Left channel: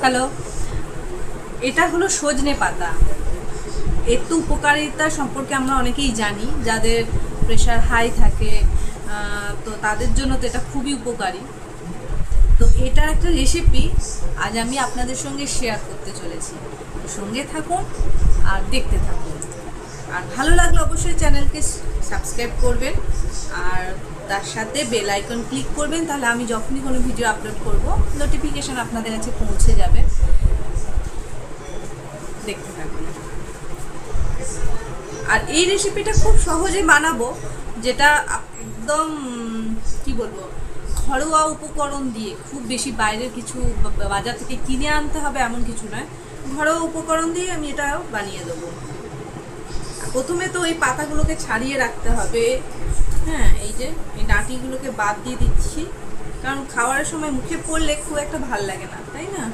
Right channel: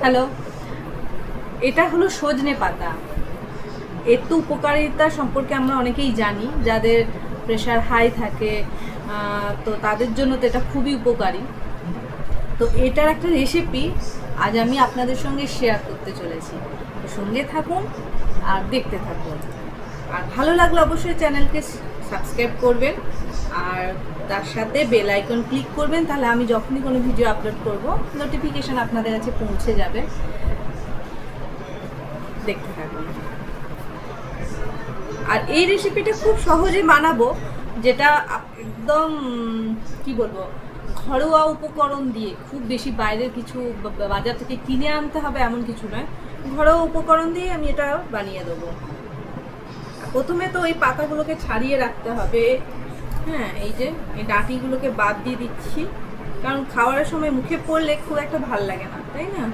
Hello. এটা হলো সজনে পাতা। এর তো উপকারিতা সম্পর্কে আমরা অনেকেই জানি, যাদের প্রেশার হাই থাকে তো তাদের জন্য তো এটা খুবই উপকারী। তো এটার একটা রেসিপি আজ আমি আপনাদের সঙ্গে শেয়ার করতে চলেছি। সঙ্গে থাকুন আর দেখতে থাকুন। আর ভালো লাগলে অবশ্যই চ্যানেলকে সাবস্ক্রাইব করবেন, আর তার সাথে বেল আইকন ক্লিক করবেন, তাহলে আমি যখনই কোনো ভিডিও আপলোড করব নোটিফিকেশন আপনাদের কাছে পৌঁছে যাবে। দেখতে থাকুন। আর এই রেসিপিটা খুব সহজে বানাবো, যেটা একদম, কি বলব, ঘরোয়া উপকরণ দিয়ে, খুব বেশি বাইরের কিছু বাজার থেকে কিনে আনতে হবে এমন কিছু নয়। ঘরোয়া উপকরণ দিয়ে আমি এটা বানিয়ে দেবো। প্রথমে তো এই পাতাগুলোকে ছাড়িয়ে রাখতে হবে। হ্যাঁ এই যে, এই ডাঁটিগুলোকে বাদ দিয়ে দিচ্ছি। কারণ খাওয়ার সময় মুখে পড়লে খুব একটা ভালো লাগে না, তাই না?